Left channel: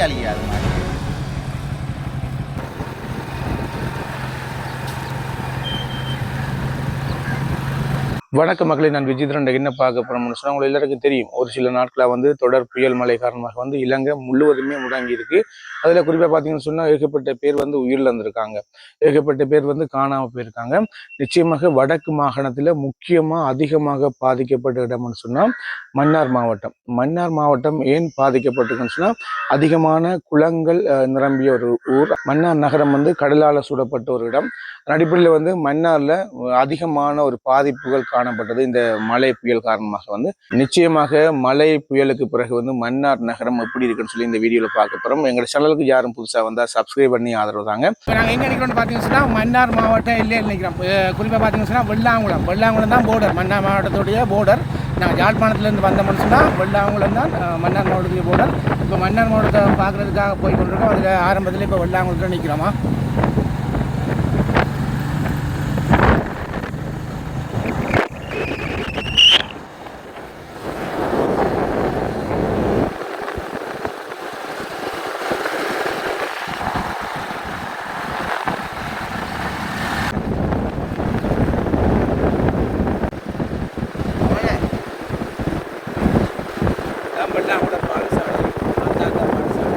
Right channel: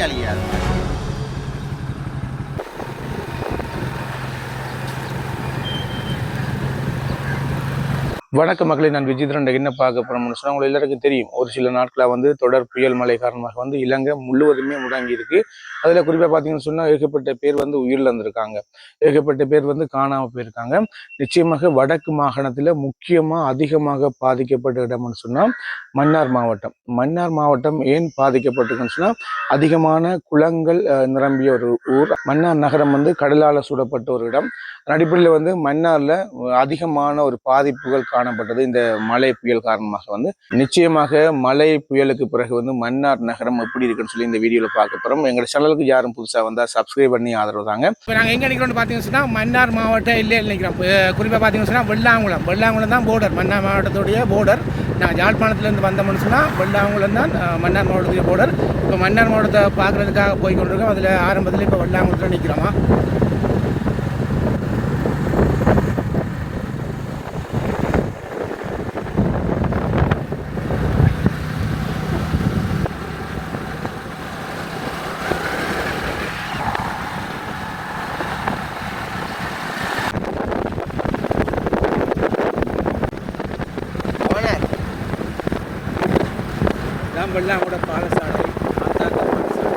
மாடு வணக்க மக்களை நான் விஜித்ரன் என்ன பார்க்க போறோம்னு சொன்னா உங்களுக்கு எல்லாருக்கும் தெரியும். ஒரு சில நாட்களாக வந்து தொடர் புயல் மழை காரணமாக வந்து இலங்கை முழுவதுமே முடங்கி இருக்கு. அதுல குறிப்பா பார்த்தீங்கன்னு சொன்னா ஏகப்பட்ட பேர் வந்து உயிரிழந்திருக்காங்க. ஏகப்பட்ட பேர் வந்து காணாமல் போயிருக்காங்க. நிச்சயமாக வடக்கு மாகாணத்துல முக்கியமா அதிகமாக பாதிக்கப்பட்ட இடம்னு சொன்னா மன்னார் மாவட்டம். மன்னார் மாவட்டம் ஏன் பாதிக்கப்பட்டிருக்குன்னு சொன்னா அதிகமான குளங்கள் அஹ், நிரம்பிய ஒரு ஊர். மன்னார் நகரம் வந்து கடலால சூடப்பட்ட ஒரு இடம். அடிப்படையில் வந்து மன்னார்ல அதிகமான ஒரு பாதிப்புகள் காண காணப்பட்டது இந்த மழை புயல் காரணமாக வந்து நிச்சயமாக மழை புயலுக்கு பிறகு வந்து மன்னார் நகரம் எப்படி இருக்குன்னு சொல்லி இந்த வீடியோவில் பார்க்க போறோம். எங்க சேனலுக்கு யாரும் புதுசா வந்தா சப்ஸ்கிரைப் பண்ணி ஆதரவு தாங்க. இப்போ நாங்கள் எங்கே நிற்கிறோம்னு பார்த்தீங்கன்னு மன்னார் மாவட்டம் இல்லை நிற்கிறோம் குறிப்பாக பார்த்தீங்கன்னா சொன்னால் வெள்ளாங்குளம். வெள்ளாங்குளம் தான் போர்டர் மன்னார் மாவட்டத்துடைய போர்டர் நாங்கள் யாழ்ப்பாணத்துலேருந்து வந்தோம்னு சொன்னால் வெள்ளாங்குளம் தான் மன்னார் மாவட்டத்துடைய போர்டர் இப்போ மன்னார் மாவட்டத்தை பார்க்குறதுக்காக போய் கொண்டிருக்கோம் அதில் ஆரம்பத்தில் இப்போ வெள்ளாங்குளத்தில் நிற்கிறோமா தான் வெள்ளாங்குளம் பாடசாலை மாந்தாக்கா பாடசாலை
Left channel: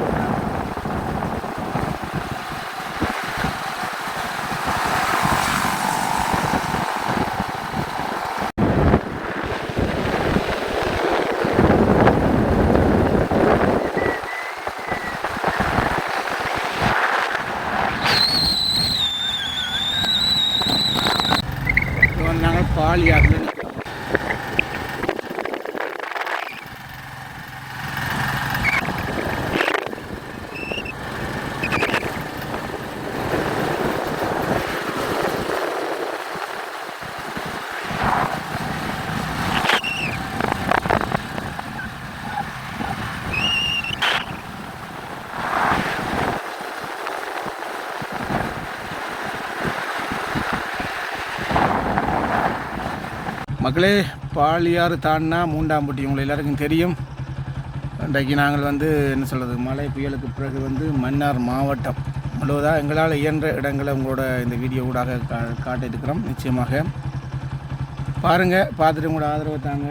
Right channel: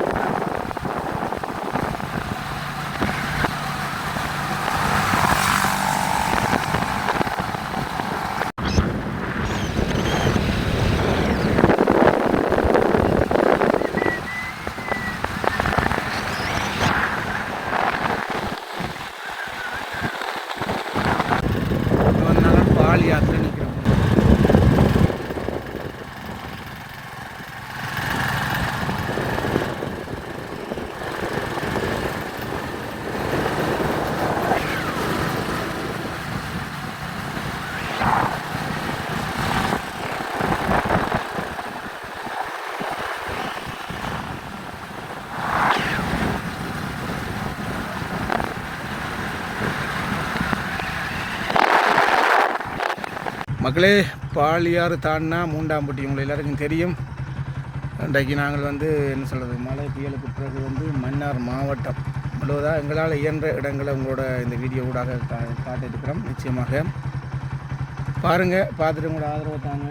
இப்போ வந்து நாங்கள் பால் யாத்திரை நிற்கிறோம் மக்களே பாலியாறு தாண்டினா மூண்டாம்பட்டி உங்களை எல்லாருக்கும் தெரியும். இன்றைக்கு நாங்கள் வந்து என்ன சொல்கிறது மழை புயலுக்கு பிறகு வந்து மன்னார் மாவட்டம். முழுவதாக எங்களால் இயன்ற இடங்களை உங்களோட இந்த வீடியோ ஊடாக கா காட்டியிருக்கிறோம் நிச்சயமாக. பாருங்கள் பார்த்துட்டு உங்களோட ஆதரவு தாங்க.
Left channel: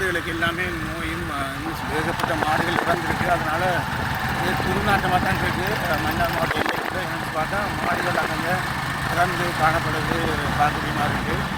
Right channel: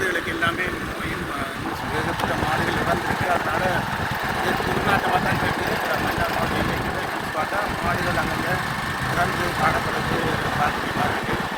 மாடுகளுக்கு எல்லாமே நோயும் ஏகப்பட்ட மாடுகள் இறந்துருக்கு. அதனால் இது துர்நாட்டமாக தான் இருக்குது மன்னார் மாவட்டம் இல்லைக்கு பார்த்தா மாடுகள் அங்கங்கே இறந்து காணப்படுறது பார்க்கக்கூடிய இருக்குது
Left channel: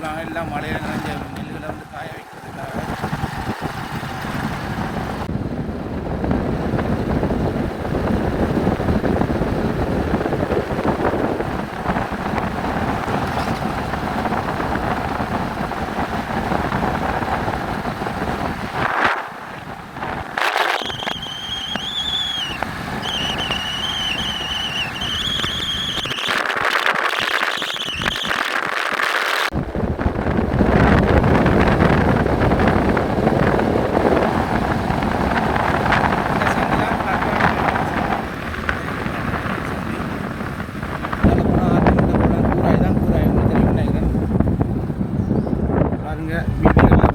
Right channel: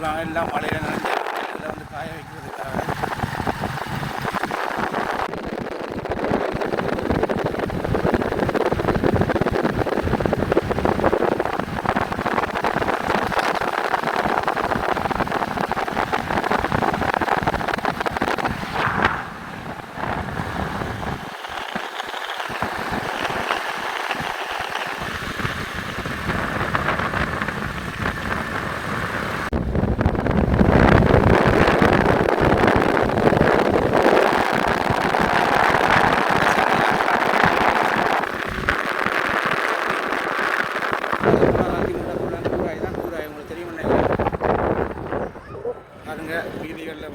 கொடுக்குறாங்க எல்லாம் மழையில் நனைஞ்ச நெல்லுகளை வந்து காய வைக்கிறதுக்காக பாருங்க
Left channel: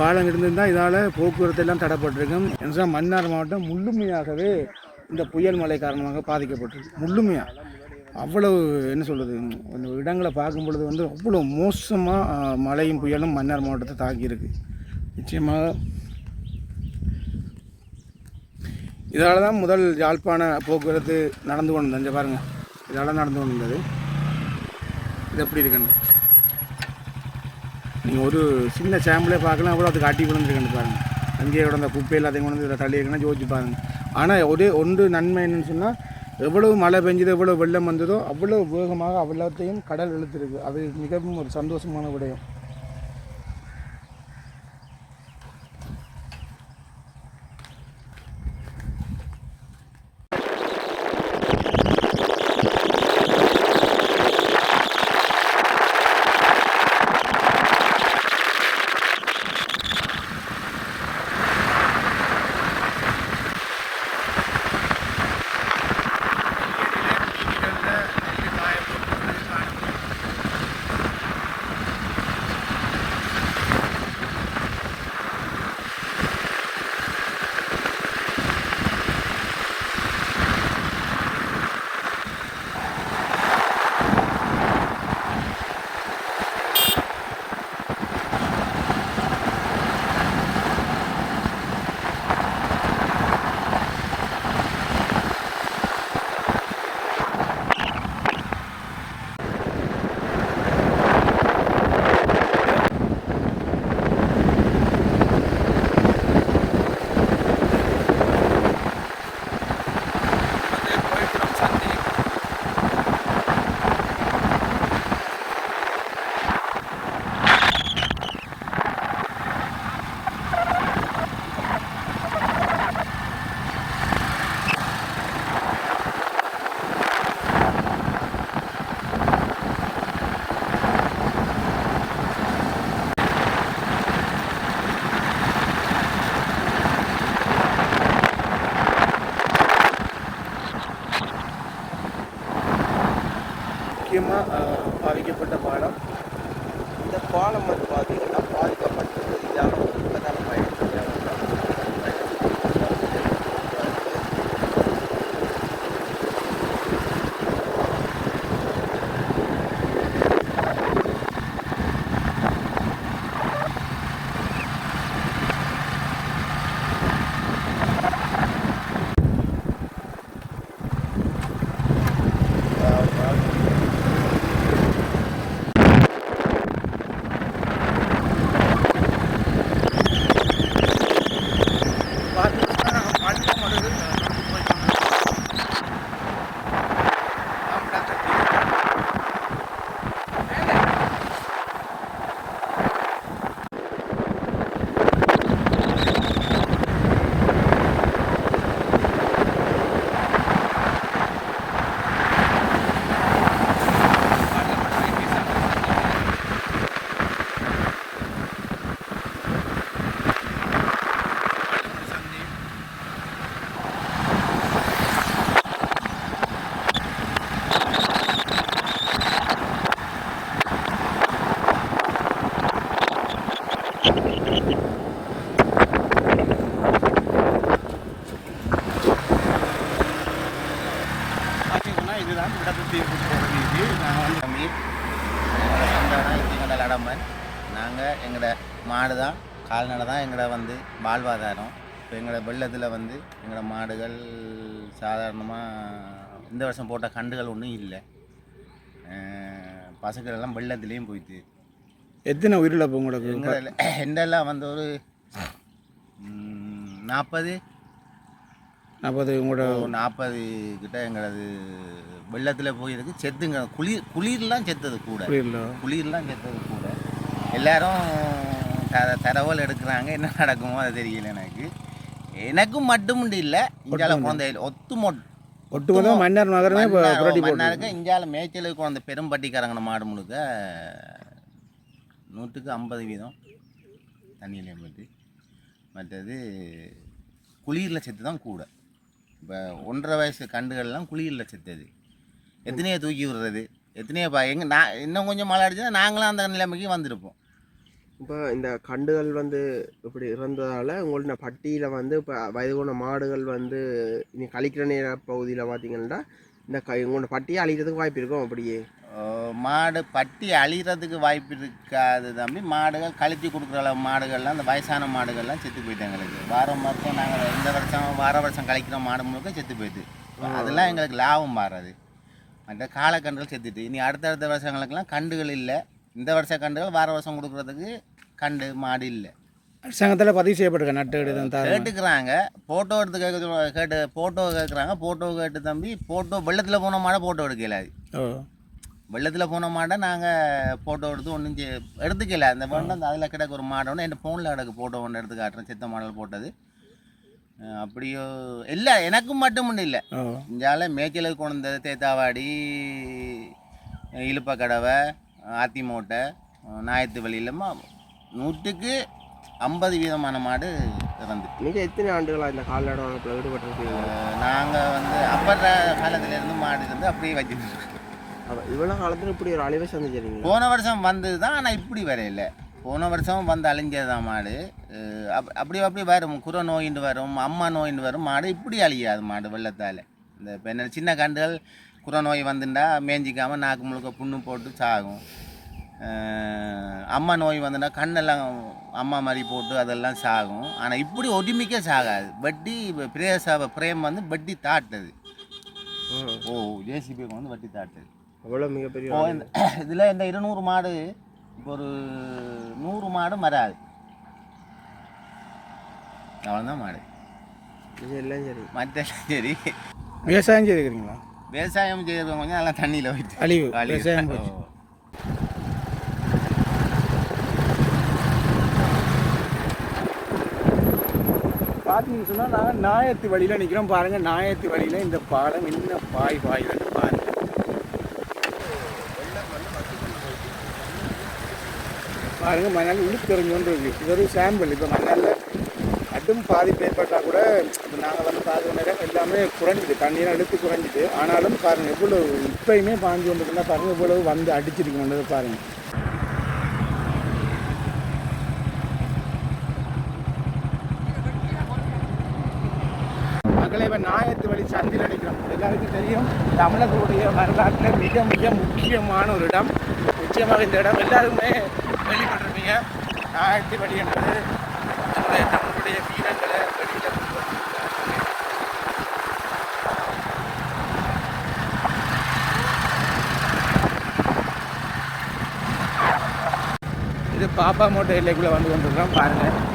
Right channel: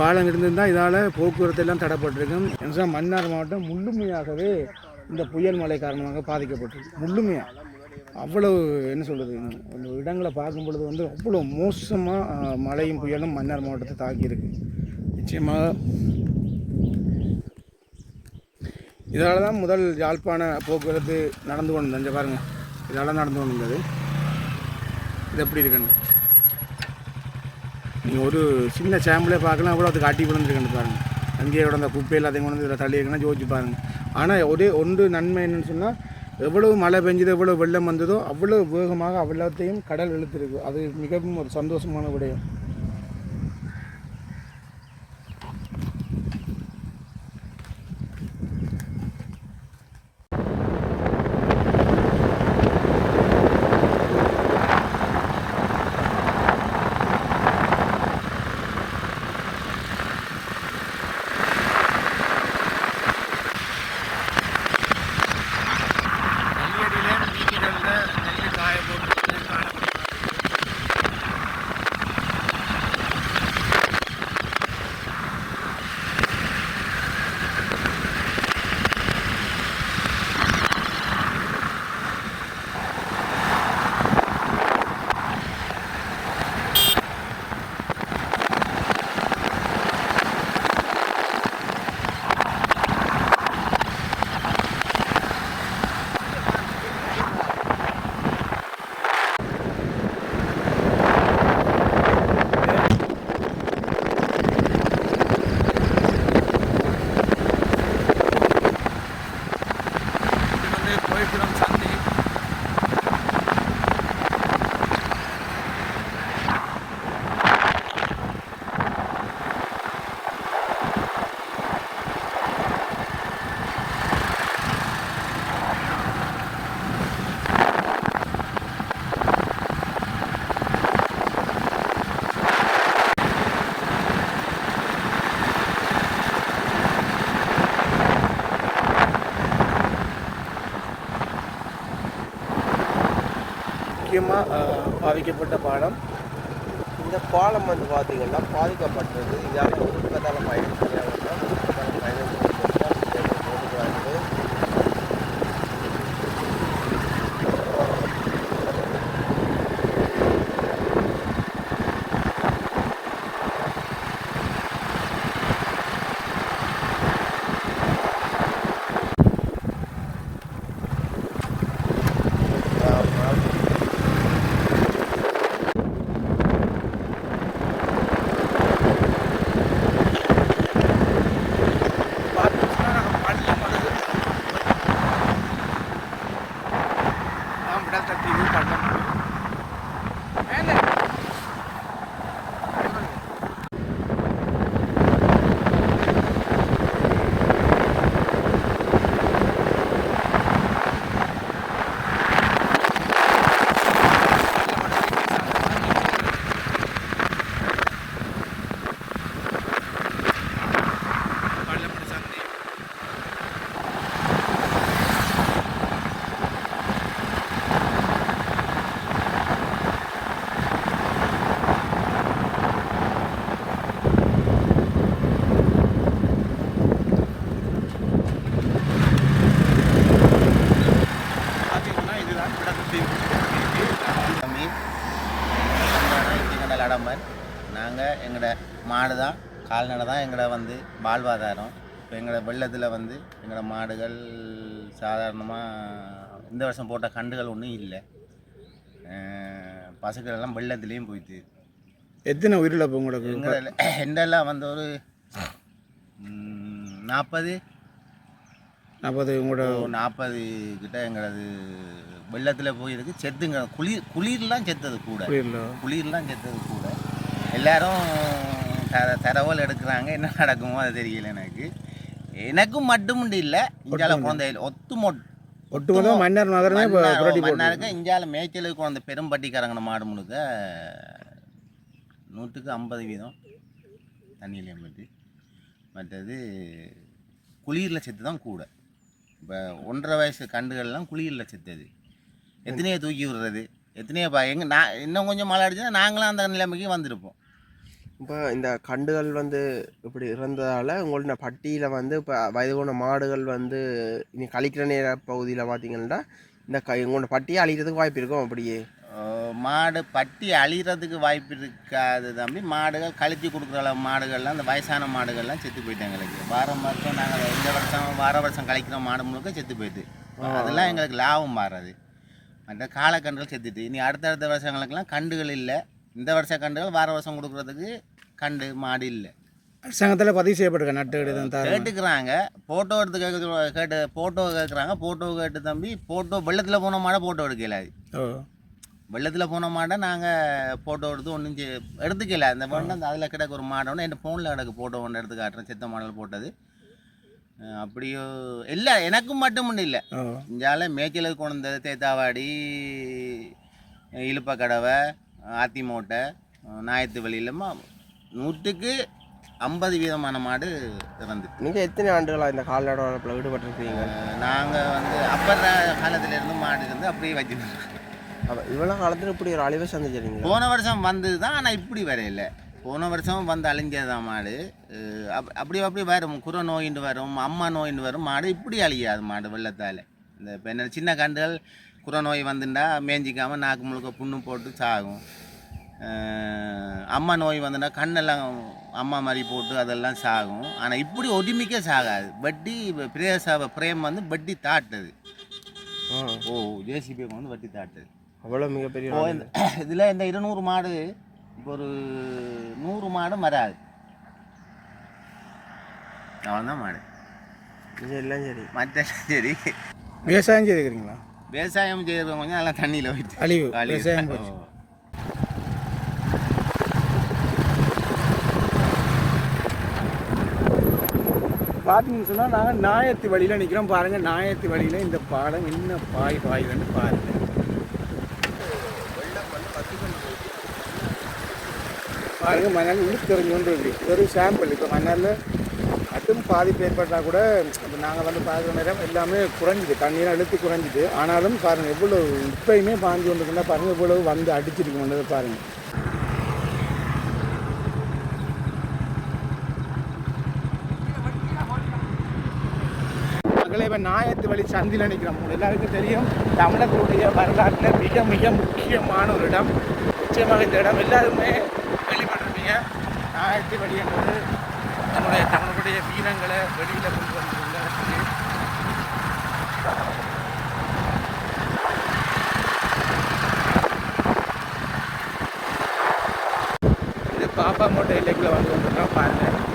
பாலம் இருந்திருந்தால் இதால் போக்குவரத்து எல்லாம் தடைப்பட்டிருக்கும். ஏன்னா மன்னார் மாவட்டம் முழுமையாகவே இந்த புயல் மழை காரணமாக பாதிக்கப்பட்டிருக்கு. முழுமையாக அவ்வளவு என்ன சொல்கிறது இடங்களை பார்க்கும் பொழுது வந்து அவ்வளோ மோசமாக மழையும் புயலும் மன்னார் மாவட்டத்தை தாக்கியிருக்கு. நிச்சயமாக இதால் தான் முதல் யாழ்ப்பாண போக்குவரத்து நடந்து கொண்டு இந்த பாருங்கள் இதால் நடந்து கொண்டு இருந்தது இது எப்படி இருக்குன்னு? நீங்கள் ஒரு சின்ன சாம்பிளே பார்க்கலாம். அவ்வளோ அது காட்டி விழுந்துருக்குன்னு பாருங்கள் அங்கேயே கூட அந்த குப்பையில் அதையும் கொண்டு வந்து இதில் தள்ளி யோசிச்சு பாருங்கள் ஆனால் ஒரு ஒன்று நன்மை என்னன்னு சொன்னால் எவ்வளவு மழை பெஞ்சதோ எவ்வளோ வெள்ளம் வந்ததோ அவ்வளோ வேகமாக அவ்வளோத்தையும் கடல் இழுத்துருக்கு. அது மிகவும் ஒரு சந்தோஷமான விடயம். முக்கியமாக பாதிக்கப்பட்ட பாலம் இந்த பாலம் வந்து பார்த்தீங்கன்னா கால்நடை தான் எங்களோட வந்து வாழ்வாதாரம். இப்போ எங்களோட வெள்ளத்தில் வந்து எங்களோட மாடுகள் சாதாரணமாக இந்த வருஷம் போட்ட கண்டுகள் ஒன்றும் இல்லை. பசுக்கள் எல்லாம் வெள்ளத்துலேயும் போயிட்டு. எத்தனை உயிரிழப்பு உங்களுக்கு? எங்கள எண்டெல்லாம் வந்து ஒரு நாற்பது நாற்பது உங்களோட நாற்பது கிட்ட எங்களது வெள்ளத்தில் போயிருக்கு. செத்துங்க. குளிர் குளிர்லாம் செத்தது கூட. குளிர்லாம் செத்தது கூட. எல்லாரும் தர தரவல் எடுக்கிறாங்க. என்ன நடக்குமோ அது தெரியல எனக்கு. எனக்கும் மட்டும் இல்லை. இந்தியாவில் குழந்தை ஒத்து மொட் ஒட்டுமொத்த மன்னர் நகரமே மன்னாருக்கு இந்தியாவில் மேய்ச்சலுக்கு குழந்தை பெரும்பட்டிக்காரங்கன மாடு முழுக்க நூற்றுக்கு ஐம்பது வீதம் தண்ணியிலையும் போயிட்டு மற்றது குளிரில் செத்து தான் கூட. இப்போ ஒன்றரை வயசு கண்டுகள்லாம் குளிரில் செத்தது. எத்தனையோ தூக்கி விடுறது. எத்தனையோ பா எங்க நான் இன்னும் கொஞ்சம் மழை அடிச்சுன்னா நாங்களும் அந்த நிலைமைக்கு வந்திருப்போம். இப்போ இந்த கண்டுகள் வந்து இப்படி இறந்ததால் உங்களோட பட்டியில் வந்து இப்போ வயது போன மாடுகள் வந்து இனி கழிக்கிற நேர பகுதியில் பார்த்தீங்கன்னா இந்த க உங்களோட பட்டியை அழிக்கிறதுக்கு வாய்ப்பு இருக்கும் அப்படியே. மாடு பட்டி அழிகிறதுக்கு வாய்ப்பு இருக்காது தம்பி. மாடுகள் கழிச்சு கொடுக்குற அளவு மாடுகள்லாம் அந்த வயசான மாடுகள்லாம் செத்து போயிட்டு எங்களுக்கு. வாரம் வருஷம் நாங்கள் இந்த வருஷம் வார வருஷம் கழிக்கிற மாடு முழுக்க செத்து போயிட்டு. அதெல்லாம் எங்களுக்கு லாபம் மாறாது. மற்ற காலக்கன்றுகள் செத்துட்டு. இனி அடுத்தடுத்த வருஷங்களுக்கெல்லாம் கண்டுகள் இல்லை. இந்த வருஷ கண்டுகள் வார வருஷம் கொடுக்குறதுக்கு கண்டு மாடு இல்லை அரசாங்கத்தில் பதிவு செய்யப்பட்டிருக்க நட்டு கேட்டுக்கிறாங்க. ஃபோட்டோ எடுத்து கேட்க கேட்டு ஃபோட்டோ கேட்குறாங்க ஃபோட்டோ கேட்டு தம்பி ஃபோட்டோ வெள்ளத்தில் போன மாடை ஃபோட்டோ எடுக்கல அது. ஓ. வெள்ளத்தில் போன மாடை நாங்கள் ஃபோட்டோ எடுத்து ஒன்றும் எடுத்துக்கல. அந்த வேணும் அந்த அதில் கிடக்க ஒரு மாடை ஒன்று என் ஃபோனில் கிடக்கு ஃபோட்டோ ஒன்று எடுத்து காட்டுறேன். செத்த மாடல் போட்டது. அப்படியோ இல்லை எனக்கும் மட்டும் இல்லை. இந்தியாவில் மேய்ச்சலுக்கு கொண்டு வந்தது தேத்தாவாடி இழுப்பக்கடவை ஆத்திமோட்டை நாயத்து வழியிலமா நூற்றுக்கு ஐம்பது வீதமான மாடு இறந்துட்டு நீங்கள் எத்தனை ஆண்டுகளாக இந்த கால்நடை வளர்ப்பில் ஈடுபட்டிருக்கீங்க? நாங்கள் வந்து அப்பற காலத்துலேருந்து மாடு இருந்து அப்படியே வச்சுருக்கோம். இவ்வளோ காலத்தில் இப்படி ஒரு அழிவை சந்திச்சிருக்கீங்க? போன வருஷம் வந்தது தான் ஆனால் இப்படி வரையில. போன வருஷம் வந்து அழிஞ்சது தான் மாடு அப் அப்படி அப்படி வரும். குறை நோயின்னு வரும் அம்மா நோயின்னு வரும். மாடு இப்படி அழியாது மாடு வெள்ளத்தால். இந்த இப்போ சின்ன கண்டுகள் குறை நோய் வந்துட்டா மேய்ஞ்சிக்காமல் நாக்கு முழுக்க புண்ணு போட்டு சாகும். அம்மா நோய் வந்துட்டா கண்ணெல்லாம் அம்மா மாதிரி போட்டு அதெல்லாம் சாகும். ஆனால் இப்படி ஒடிமிக்க சாகாது. வட்டி பிரேச பிரேம் வந்து வட்டி தாட்டுது. ஓ ஜேசிபி வந்து வட்டி தாட்டுது. அவ்வளோ மிகப்பெரிய ஓ இந்த இதில் இந்த இருநூறு மாடு இப்போ ஒரு நூறு மாடு மறாது அவ்வளோதான் மாடு. எல்லாம் சரி. மற்ற சரி. விவசாயம் செய்துக்கிறீங்களா? விவசாயம் செய்கிறவங்க கொஞ்சம் நல்லா தண்ணியில் போயிட்டு அழிவு. விவசாயம் போச்சு ஓ. பார்த்தீங்கன்னு சொன்னால் நாங்கள் நாயத்து வழியில் நிற்கிறோம் பாருங்கள் நாயத்து வழியில் இந்த பாடம் என்ன பாய் பாய் வந்து பாருங்கள் பாருங்க மணல் இழுத்தெறிஞ்சு கொண்டு இருக்கு இது ஒரு சாம்பிள் இப்போ மணலில் மட்டும் பாதிப்பு ஏற்பட்டால் கூட இப்போ நாங்கள் வந்து பாதி நேரம் எல்லாமே குறைஞ்சிது. தண்ணீராக இழுத்து குறைஞ்சிது. ஆனாலும் பாருங்கள் எவ்வளோ இப்பயுமே பாஞ்சு கொண்டு இருந்தால் பாருங்கள் எவ்வளோ வந்து அடிச்சிருக்கோன்றதை பாருங்கள் நாயத்து வழி சந்தில் நிற்கிறோம் எல்லாருக்கும் தெரியும் தமிழர்களுடைய வரலாற்றில் மிக மிக முக்கியமான ஒரு இடம். நிச்சயமாக இந்த இடம் எல்லாருமே கேள்விப்பட்டிருப்பீங்க. நாயத்து வழி என்பது என்னுடைய தமிழுடைய வீரங்களை வெளியில் கொண்டு வந்து பாப்பா மோட்டை எல்லைக்குள்ளே வந்து கொண்டிருக்கிறோம். பாருங்கள்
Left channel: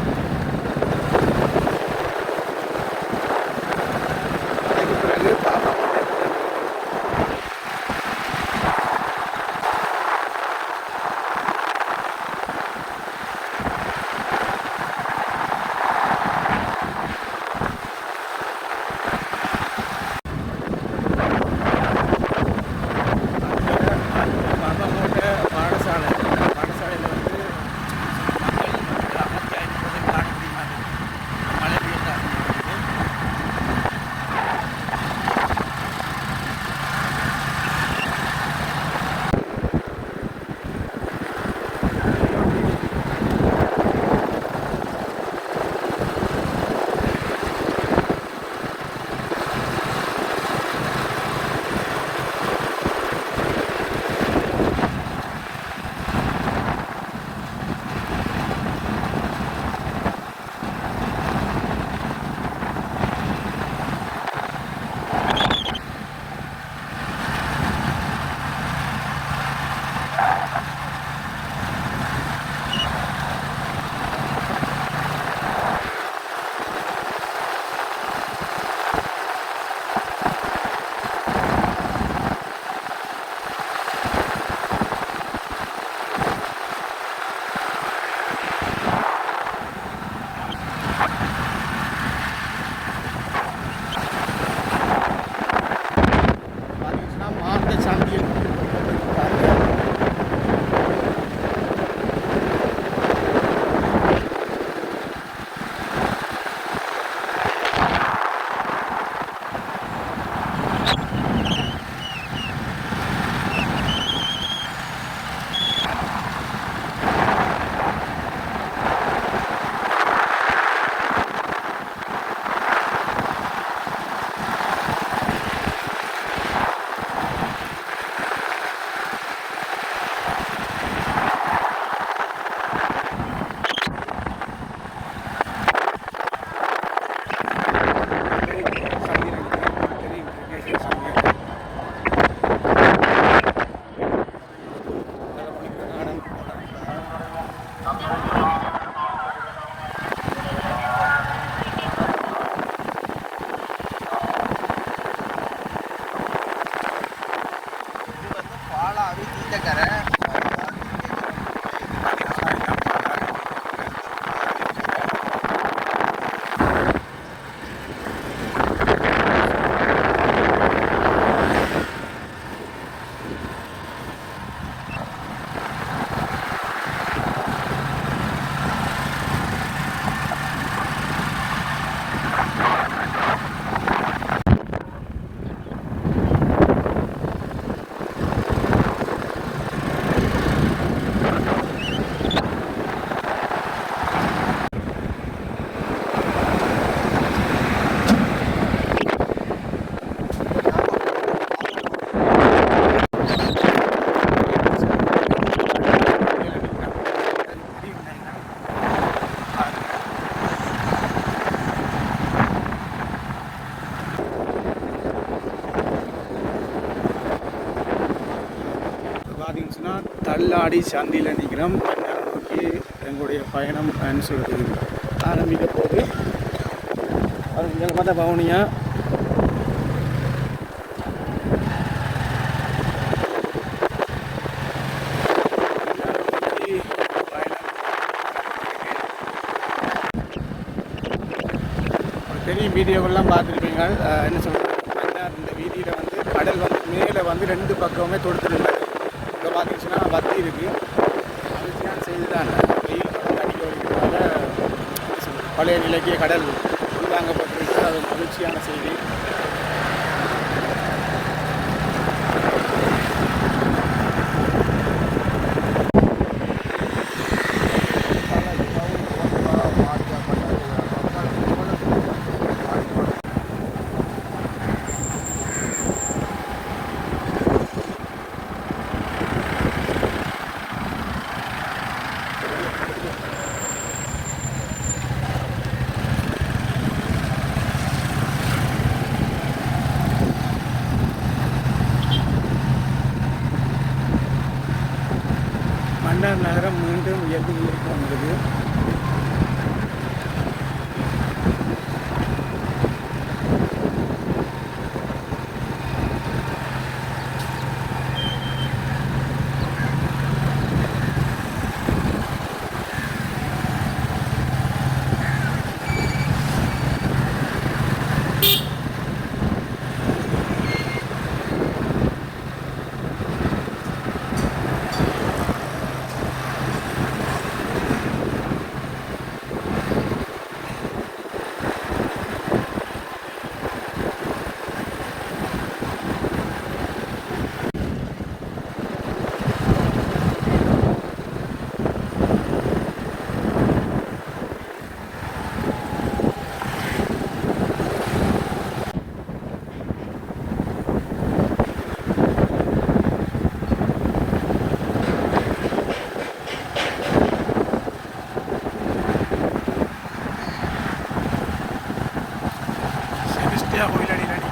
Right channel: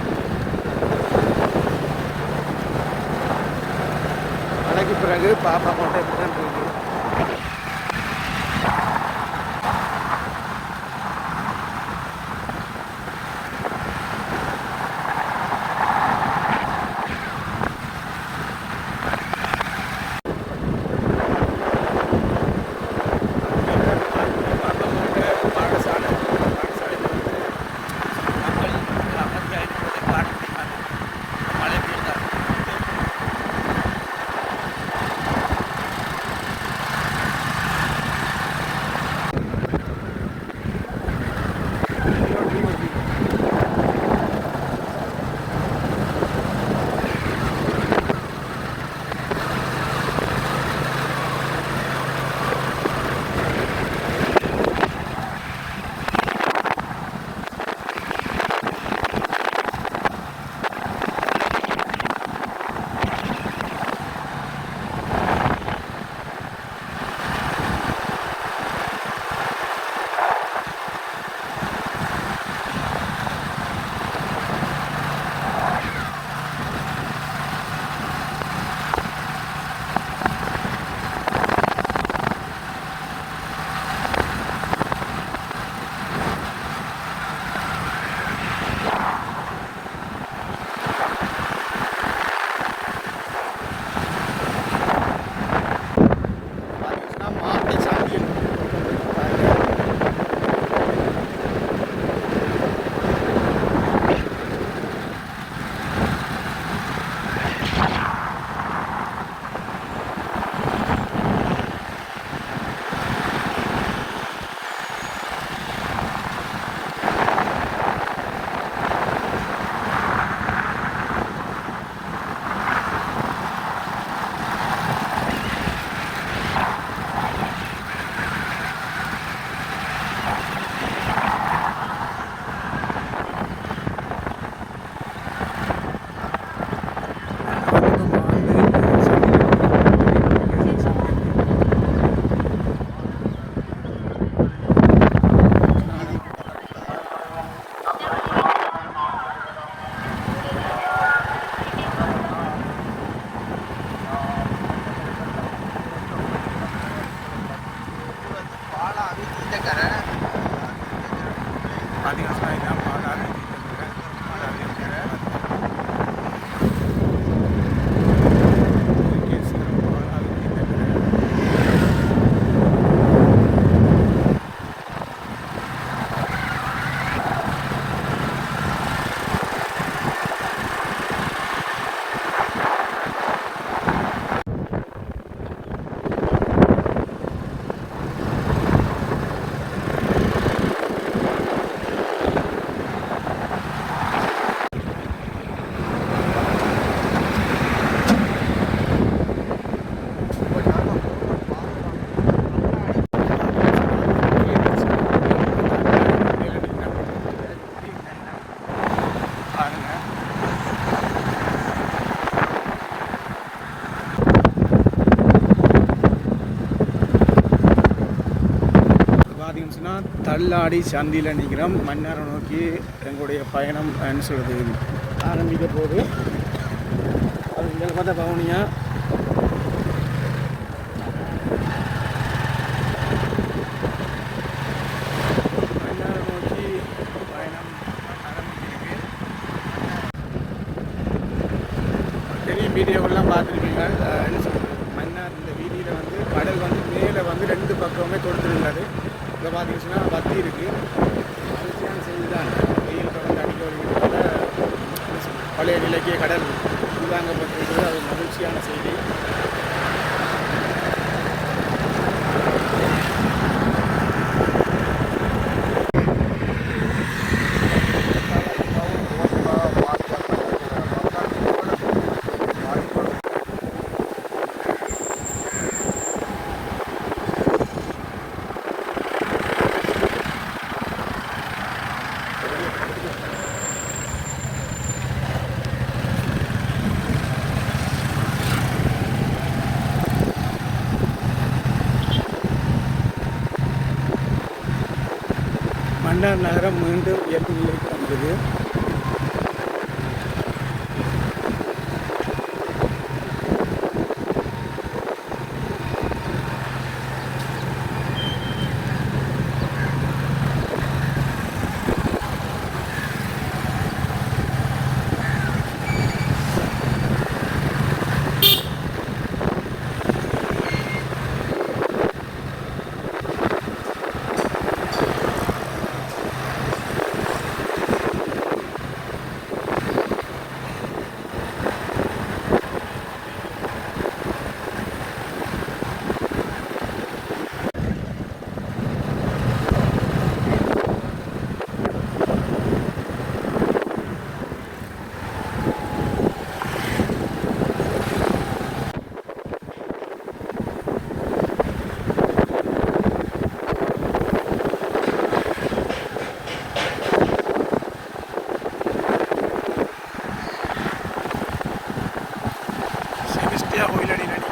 இருந்துச்சுன்னா தள்ளாடி சந்தியில் நிற்கிறோம். தஞ்சாவூர் நோக்கி எங்களுடைய பயணம் சொல்கிறது ஆரம்பிக்க போது அது பார்த்தா பவனியாக நகரம் மீண்டும் எப்படி இருக்கிறது. Ya, jubilari lan.